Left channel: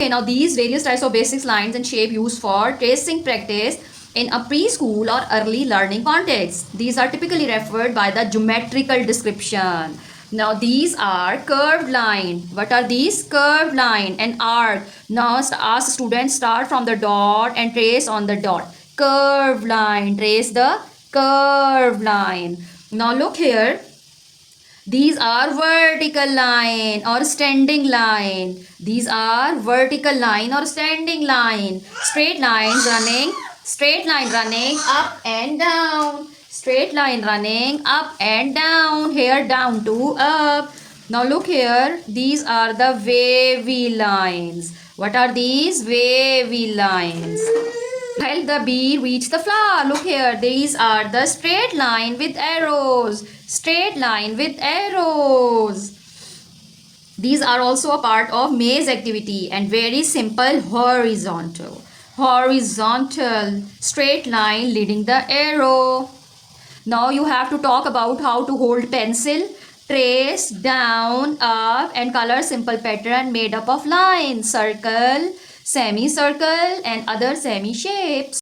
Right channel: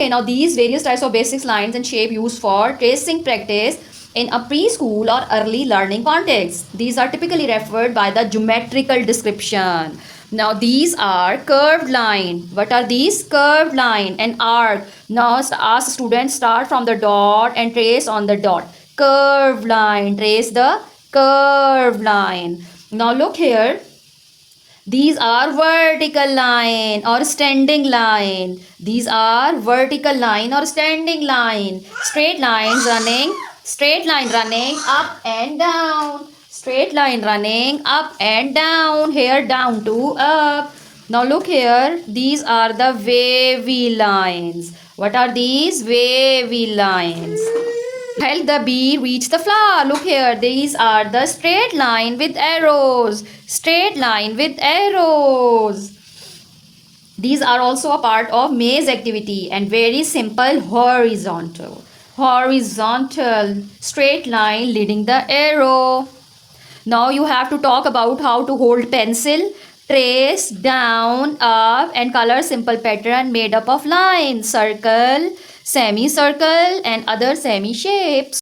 Okay, now these various types of basic lines and shape used for tracing practice in a preschool or early learning context. These are typically referred by the geometrical description. Now these are curved line. What are these? Curved line and arc. Now ask students start from the dot and trace on the dot. Curved line. Trace the curved line. Now look here. These are vertical line or standing line. These are vertical line or standing line. Straight line running up and down. Straight line running up and down. Here down to up. Now look here. These are the wavy lines. What are these? Wavy lines. Help the bee reach the flower. Look here. These are the straight line with arrows. Straight line with arrows. These are also a part of maze activity and very simple horizontal. Horizontal. Straight line leading the arrow. Now you have to talk about how to hold pencil, trace, down, up and color simple pattern made up of lines, circle, semicircle and other semi shapes.